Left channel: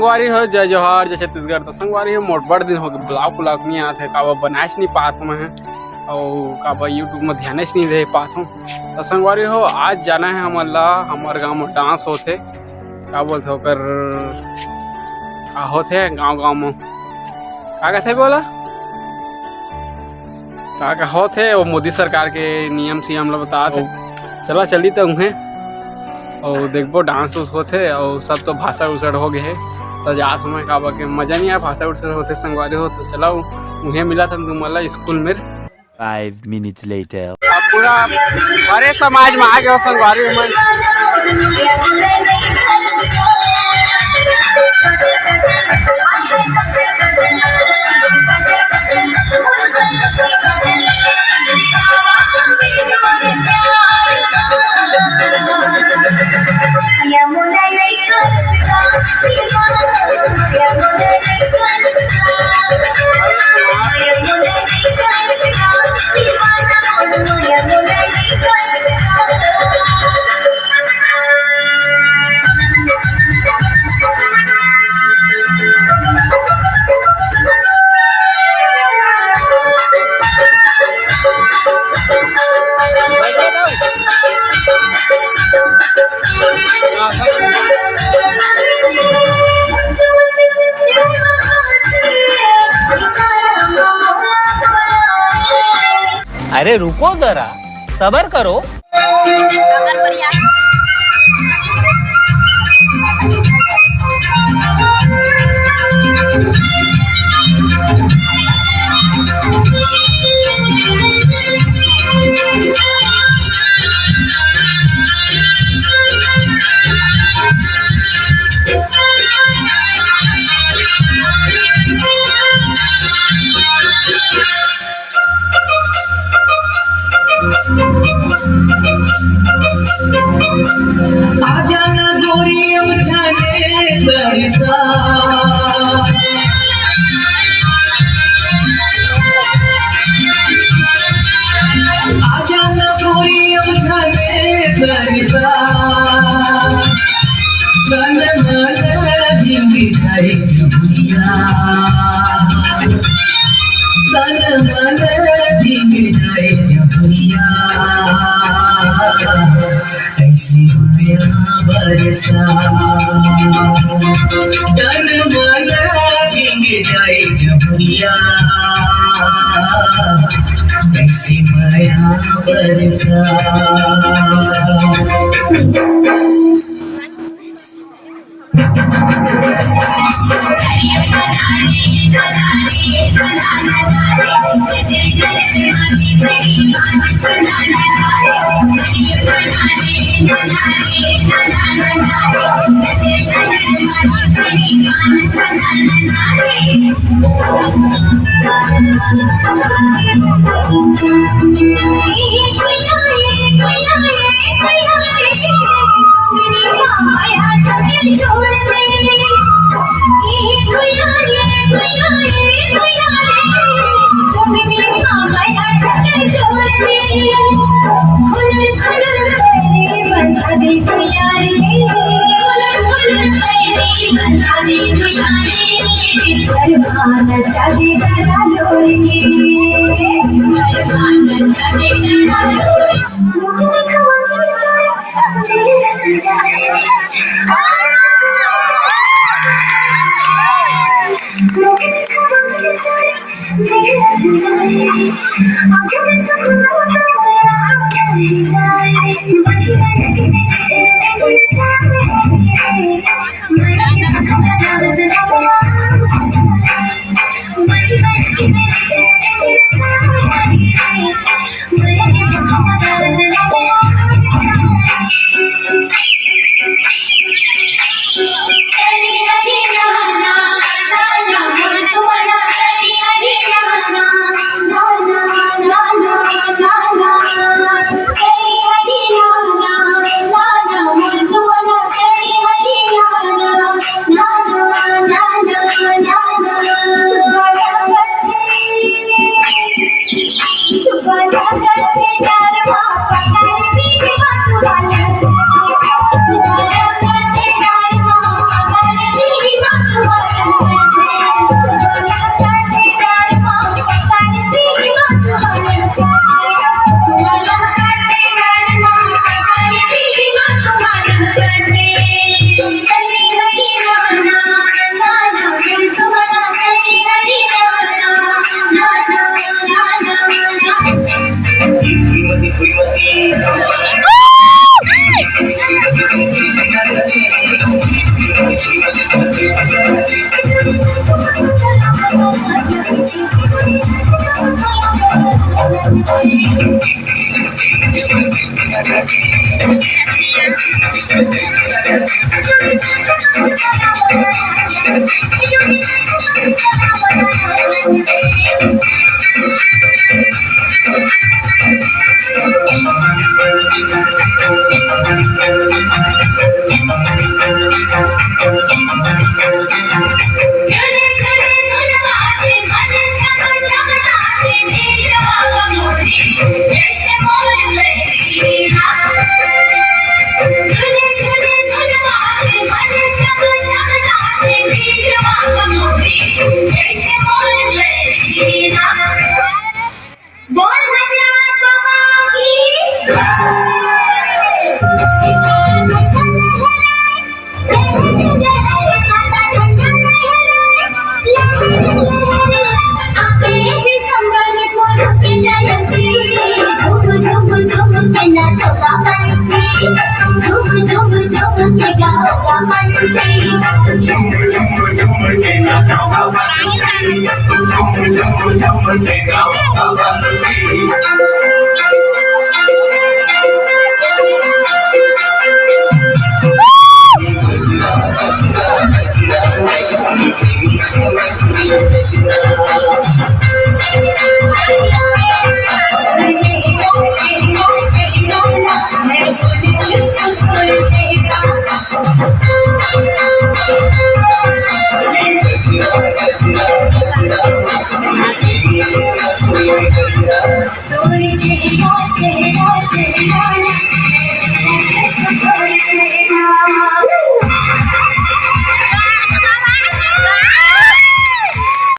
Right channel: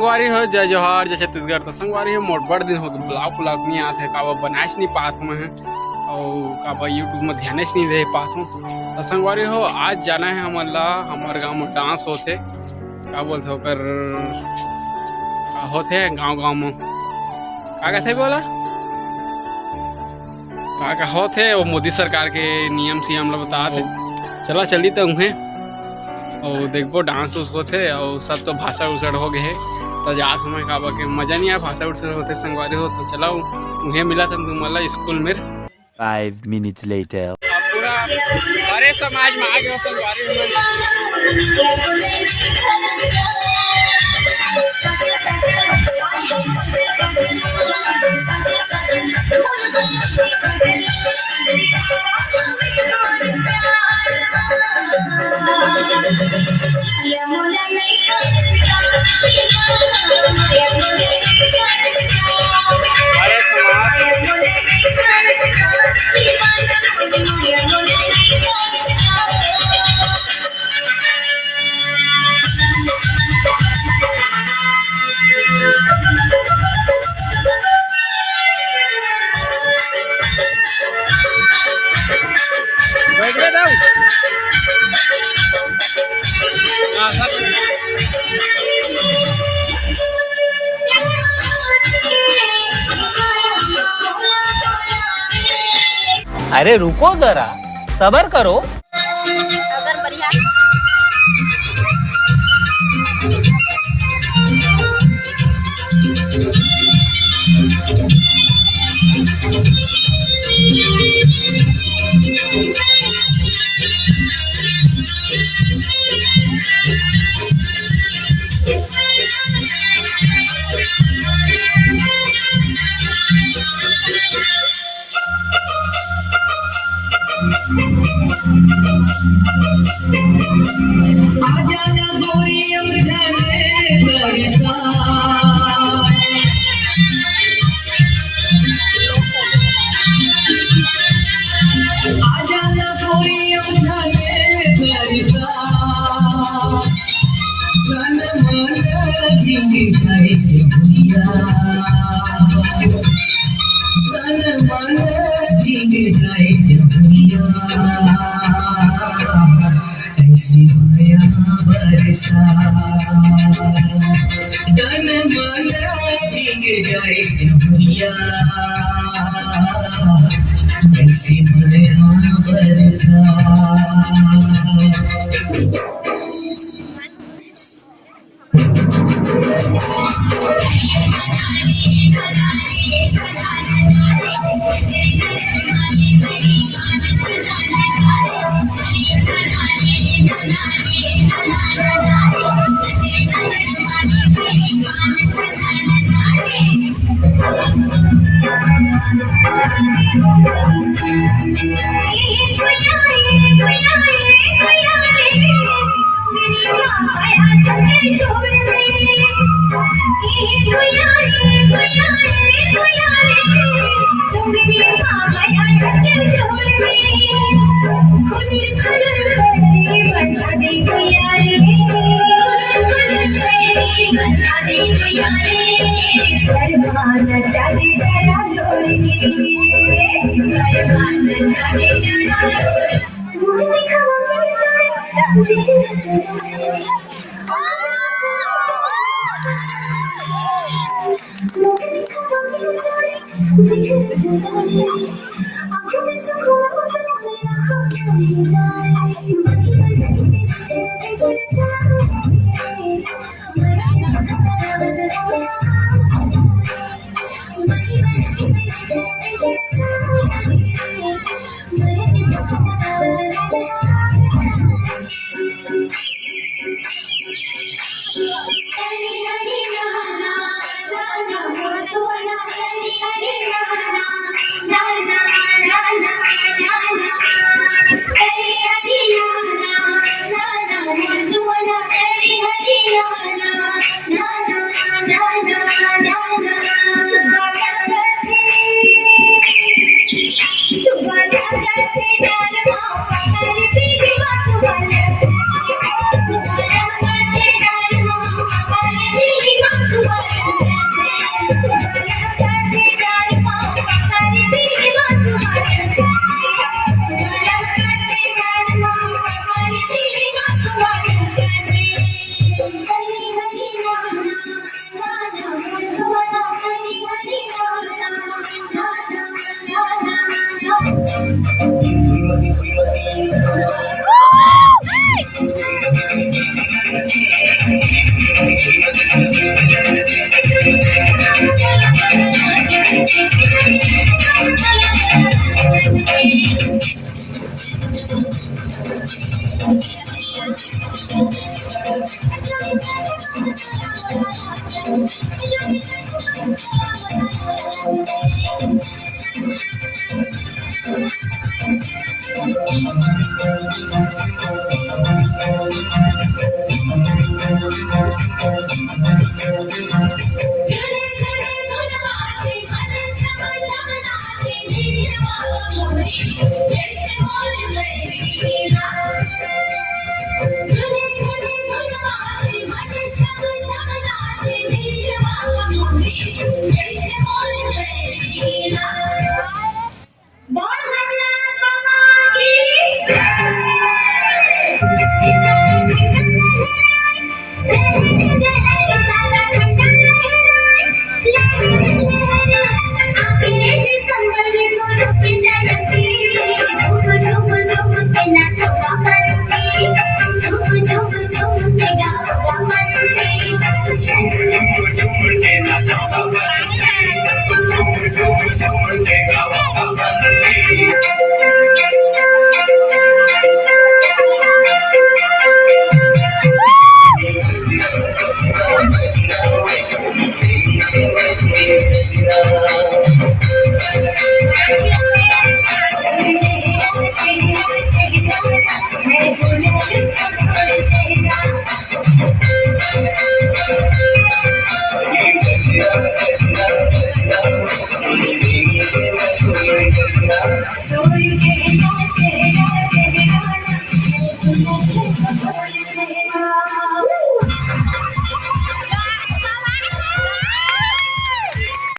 संगवारी हो जय जोहार जय छत्तीसगढ़। तो संगवारी हो मोट बड़ दिन हो गए ब्लॉग व्लॉग नहीं आते काबा बनाएस नहीं पात मैं और काबा यूट्यूब में ध्यान नहीं दे पात हूँ। तो संगवारी हो आज जाना है हमारे गांव में डांस होते क्या बोलते होकर होते गांव में क्या कहते बोला क्या होते वो मोदी सरकार के नियम से हम लोग बताते चला चली तो उन्हें और देखो डांस उस होते और सब तो भाषा उछड़ हो गए है तो जात हमें काबा के मजा नहीं आया भाषा उछड़ होते संगवारी हो तो चला उन्हें मिला था तुम्हारा स्कूल में 5 minutes later पूरा हरे समाज में आ गया संगवारी में अरे रुको जरा सबर करो। आजा ना गोरी अब जाने दरिसा आजा ना गोरी अब जाने दरिसा तन मन भीग जाए जमुनिया तन मन भीग जाए जमुनिया ऐसी माया बरसा तन मन भीग जाए जमुनिया ऐसी माया बरसा Thank you.